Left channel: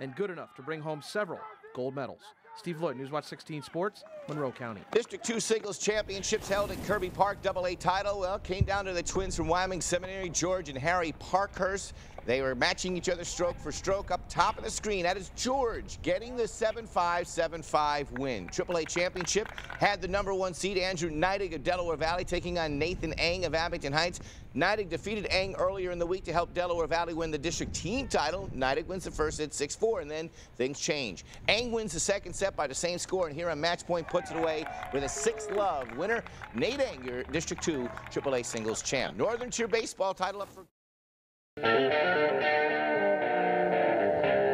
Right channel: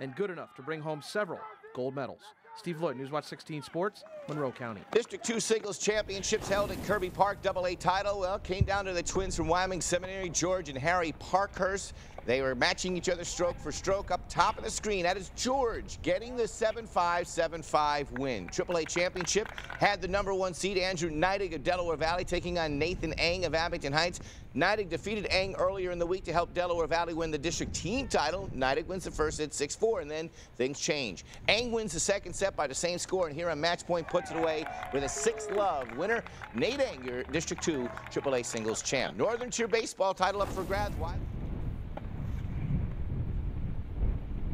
and good enough to bring home several gold medals. Steve Lloyd, Newswatch 16 Sports, Monroe County. District 2 singles championships held at Kirby Park. AA title, well, came down to the twins from Wyoming Seminary, George and Harry Parkhurst. They were matching each other stroke for stroke. Up top of the screen, that is George getting the 7-5, 7-5 win. AAA championship had the #1 seed, Andrew Neidig of Delaware Valley, taking on Nathan Eng of Abington Heights. Neidig defeated Eng earlier in the week to help Delaware Valley win the district team title. Neidig wins the first set 6-4, and then things change. Eng wins the second set by the same score, and here on match point puts it away with a 6-love winner. Nate Eng, your District 2 AAA singles champ. Northern Tier baseball title up for grabs.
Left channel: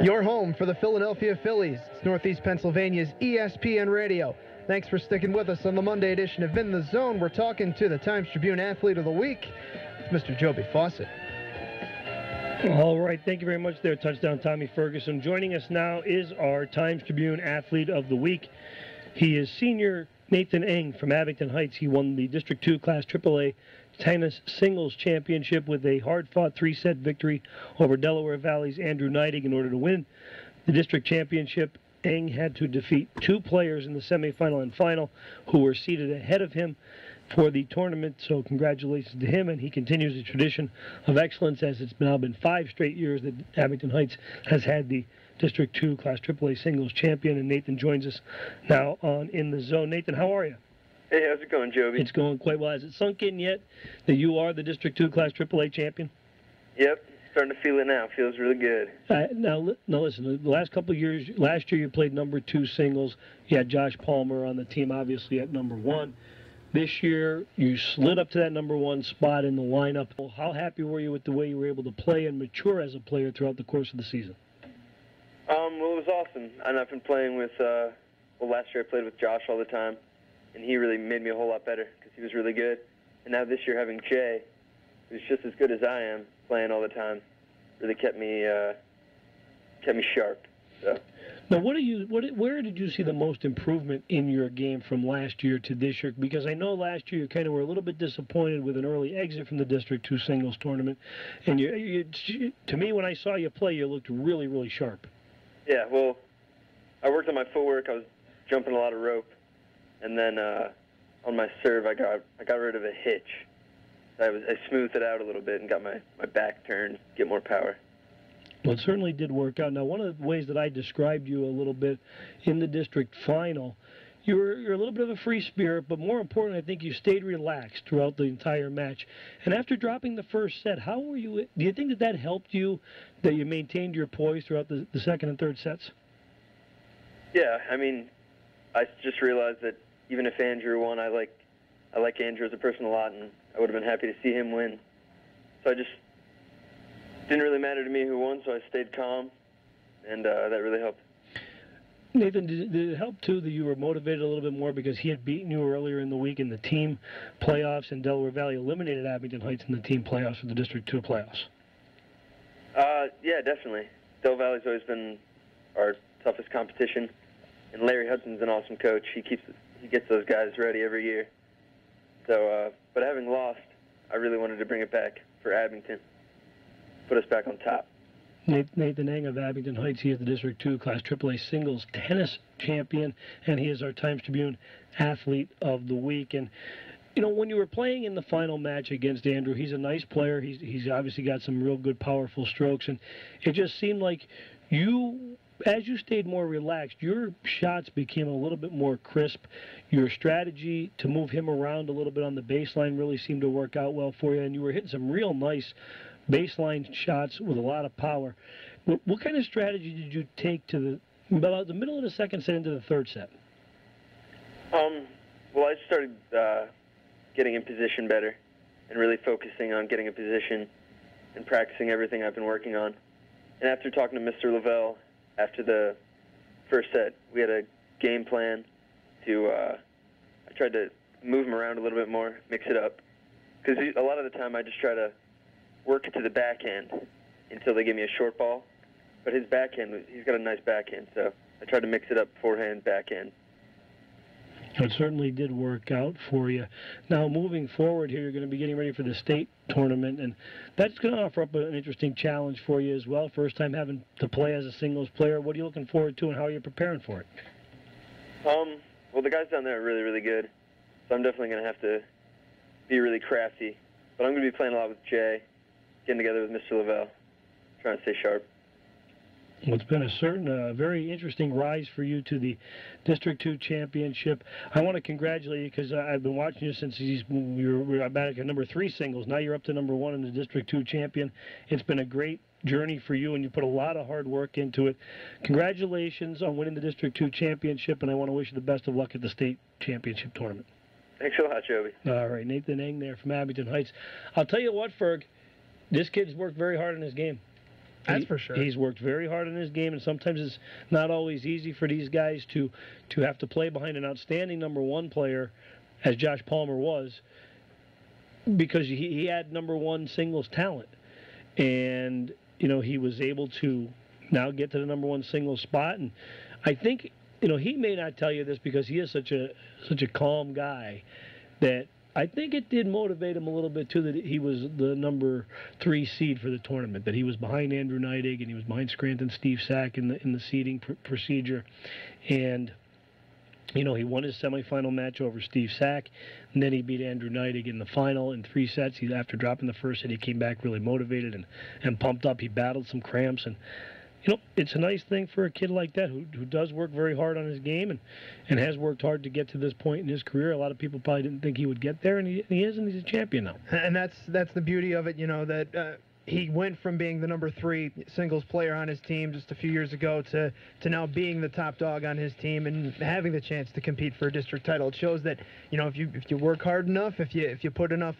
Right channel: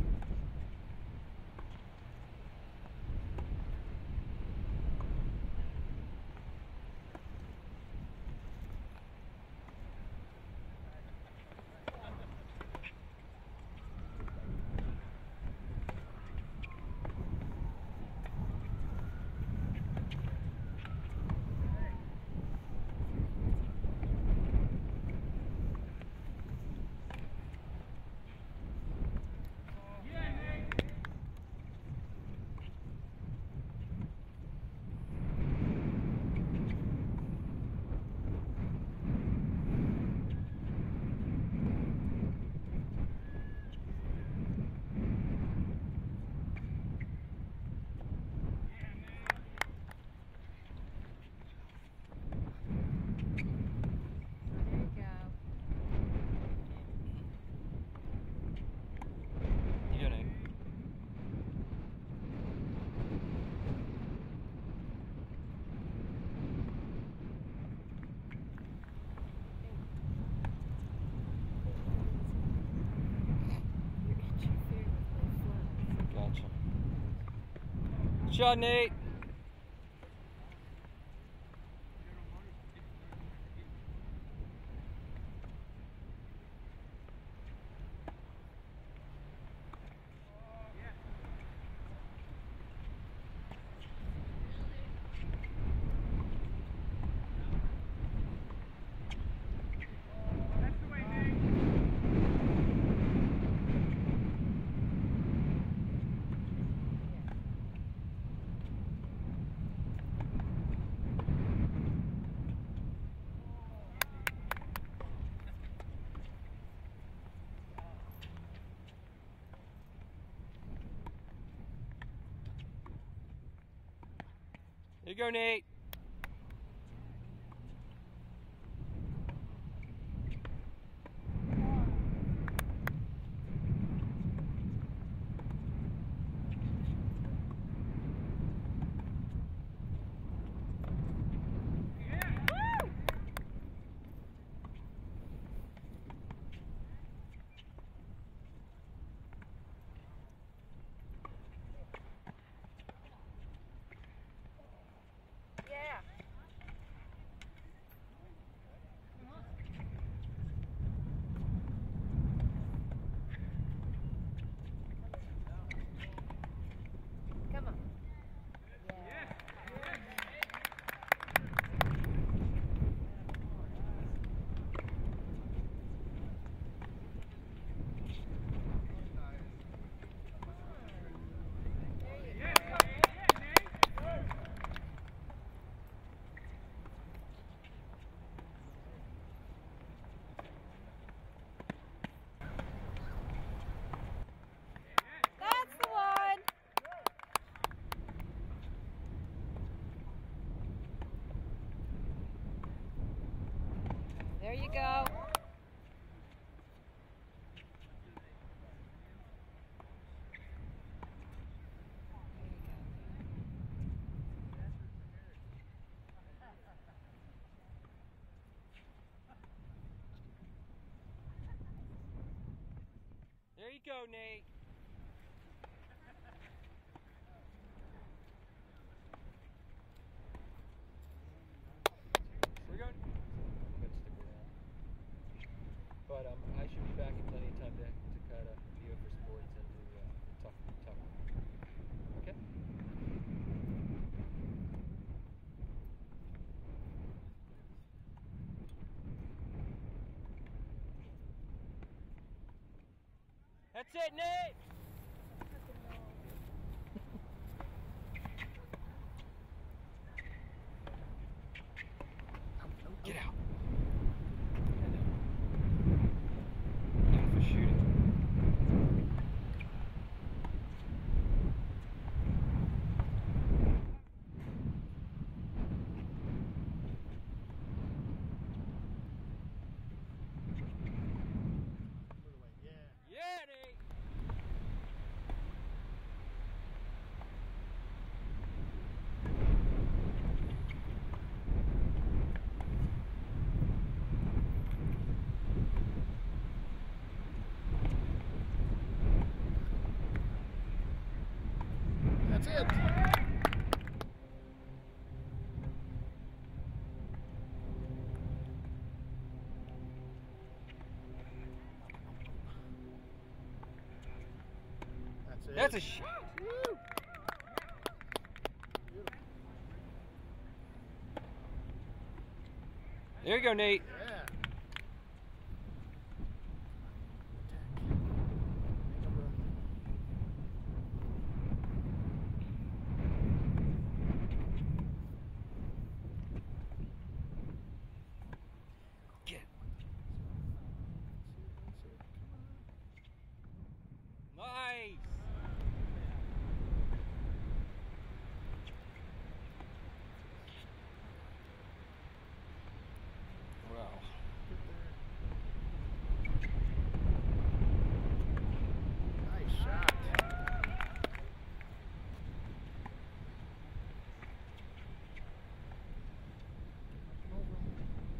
Your home for the Philadelphia Phillies. It's Northeast Pennsylvania's ESPN Radio. Thanks for sticking with us on the Monday edition of In the Zone. We're talking to the Times Tribune Athlete of the Week, Mr. Joby Fawcett. All right, thank you very much there, Touchdown Tommy Ferguson. Joining us now is our Times Tribune Athlete of the Week. He is senior Nathan Eng from Abington Heights. He won the District 2 Class AAA Tennis Singles Championship with a hard-fought 3-set victory over Delaware Valley's Andrew Neidig. In order to win the district championship, Eng had to defeat 2 players in the semifinal and final who were seated ahead of him for the tournament. So congratulations to him, and he continues the tradition of excellence, as it's now been 5 straight years that Abington Heights has had the District 2 Class AAA Singles Champion. And Nathan joins us now on In the Zone. Nathan, how are you? Hey, how's it going, Joby? It's going quite well. Has it sunk in yet that you are the District 2 Class AAA champion? Yep, starting to feel it now. Feels really good. Now listen, the last couple of years, last year you played #2 singles. You had Josh Palmer on the team, obviously, at #1. This year, you slid up to that #1 spot in the lineup. How happy were you with the way you were able to play and mature as a player throughout the course of the season? Well, it was awesome. And I've been playing with, last year I played with Josh all the time, and he really made me a whole lot better because he was really good. And now this year having Jay, who's just as good as I am, playing all the time, really kept me sharp. So. Now, where did you see the most improvement in your game from last year to this year? Because I know last year you kind of were a little bit disappointed with an early exit from the District 2 singles tournament, and to me, when I saw you play, you looked really, really sharp. Yeah, well, I worked on my footwork. I was jumping a lot of rope, and then on my serve, I got rid of a hitch. I smoothed it out a little bit and got my back turned, get more power. Well, it certainly did work out. Now, one of the ways that I described you a little bit in the district final, you're a little bit of a free spirit, but more important, I think you stayed relaxed throughout the entire match. And after dropping the first set, how were you? Do you think that helped you, that you maintained your poise throughout the second and third sets? Yeah, I mean, I just realized that even if Andrew won, I like Andrew as a person a lot, and I would have been happy to see him win. So I just didn't really matter to me who won, so I stayed calm, and that really helped. Nathan, did it help, too, that you were motivated a little bit more because he had beaten you earlier in the week in the team playoffs, and Delaware Valley eliminated Abington Heights in the team playoffs for the District 2 playoffs? Yeah, definitely. Del Valley's always been our toughest competition, and Larry Hudson's an awesome coach. He gets those guys ready every year. So, but having lost, I really wanted to bring it back for Abington, put us back on top. Nathan Eng of Abington Heights, he is the District 2 Class AAA Singles Tennis Champion, and he is our Times Tribune Athlete of the Week. And, you know, when you were playing in the final match against Andrew, he's a nice player. He's obviously got some real good, powerful strokes, and it just seemed like as you stayed more relaxed, your shots became a little bit more crisp. Your strategy to move him around a little bit on the baseline really seemed to work out well for you, and you were hitting some real nice baseline shots with a lot of power. What kind of strategy did you take to about the middle of the second set into the third set? Well, I started getting in position better and really focusing on getting in position and practicing everything I've been working on. And after talking to Mr. Lavelle after the first set, we had a game plan to, I tried to move him around a little bit more, mix it up. Because a lot of the time I just try to work it to the backhand until they give me a short ball. But his backhand, he's got a nice backhand, so I tried to mix it up forehand, backhand. It certainly did work out for you. Now, moving forward here, you're going to be getting ready for the state tournament, and that's going to offer up an interesting challenge for you as well. First time having to play as a singles player. What are you looking forward to, and how are you preparing for it? Well, the guys down there are really, really good, so I'm definitely going to have to be really crafty. But I'm going to be playing a lot with Jay, getting together with Mr. Lavelle, trying to stay sharp. Well, it's been a very interesting rise for you to the District 2 championship. I want to congratulate you because I've been watching you since you were back at number 3 singles. Now you're up to number 1 in the District 2 champion. It's been a great journey for you, and you put a lot of hard work into it. Congratulations on winning the District 2 championship, and I want to wish you the best of luck at the state championship tournament. Thanks a lot, Joey. All right, Nathan Eng there from Abington Heights. I'll tell you what, Ferg, this kid's worked very hard in his game. That's for sure. He's worked very hard in his game, and sometimes it's not always easy for these guys to have to play behind an outstanding number 1 player, as Josh Palmer was, because he had number 1 singles talent. And, you know, he was able to now get to the number 1 singles spot. And I think, you know, he may not tell you this because he is such a calm guy, that I think it did motivate him a little bit too, that he was the number 3 seed for the tournament, that he was behind Andrew Neidig and he was behind Scranton Steve Sack in the seeding procedure. And, you know, he won his semifinal match over Steve Sack, and then he beat Andrew Neidig in the final in 3 sets. After dropping the first set, he came back really motivated and pumped up. He battled some cramps, and, you know, it's a nice thing for a kid like that who does work very hard on his game and has worked hard to get to this point in his career. A lot of people probably didn't think he would get there, and he is, and he's a champion now. And that's the beauty of it, you know, that he went from being the number 3 singles player on his team just a few years ago to now being the top dog on his team and having the chance to compete for a district title. It shows that, you know, if you work hard enough, if you put enough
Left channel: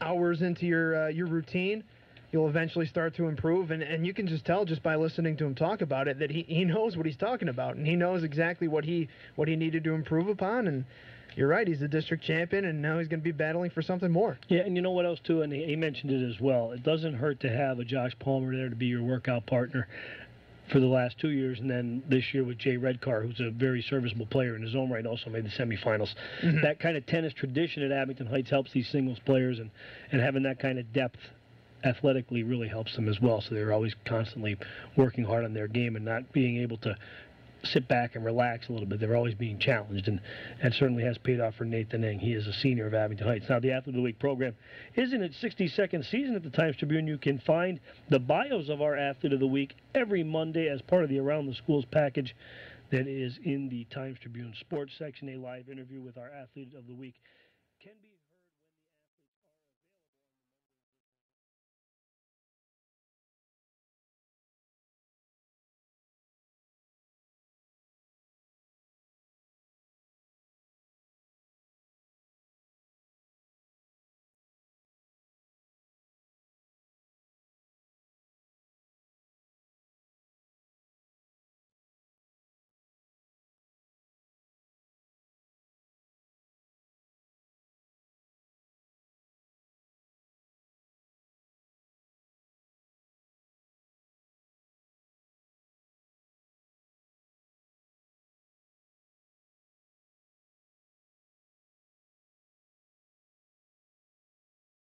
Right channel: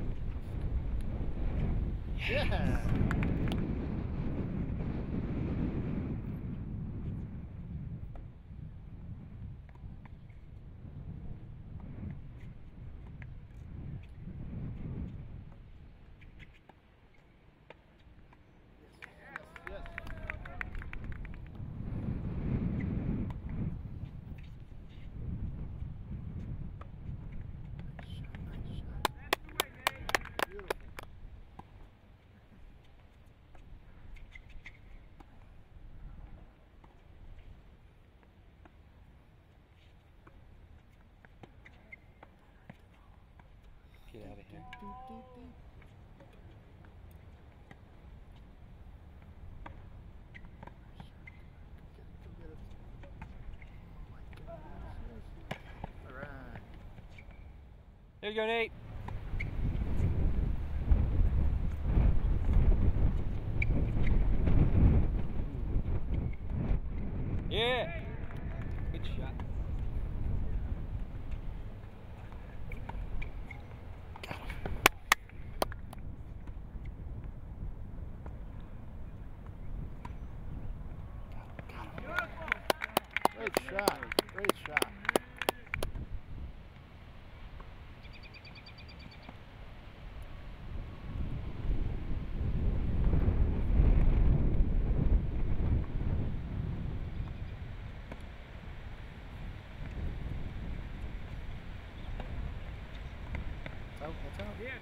hours into your routine, he'll eventually start to improve, and you can just tell just by listening to him talk about it that he knows what he's talking about, and he knows exactly what he needed to improve upon. And you're right, he's the district champion, and now he's going to be battling for something more. Yeah, and you know what else too, and he mentioned it as well, it doesn't hurt to have a Josh Palmer there to be your workout partner for the last 2 years, and then this year with Jay Redcar, who's a very serviceable player in his own right, also made the semifinals. That kind of tennis tradition at Abington Heights helps these singles players, and having that kind of depth athletically really helps them as well. So they're always constantly working hard on their game and not being able to sit back and relax a little bit. They're always being challenged, and that certainly has paid off for Nathan Eng. He is a senior of Abington Heights. Now, the Athlete of the Week program is in its 62nd season at the Times Tribune. You can find the bios of our Athlete of the Week every Monday as part of the Around the Schools package that is in the Times Tribune sports section. A live interview with our Athlete of the Week. There you go, Nate. Yeah. Good shot. Great shot. Great shot. That's out. That's it.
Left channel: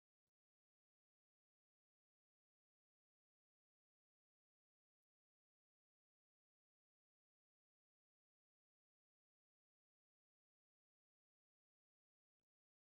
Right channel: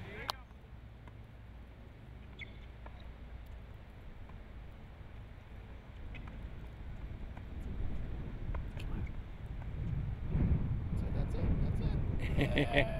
That's it. Yeah.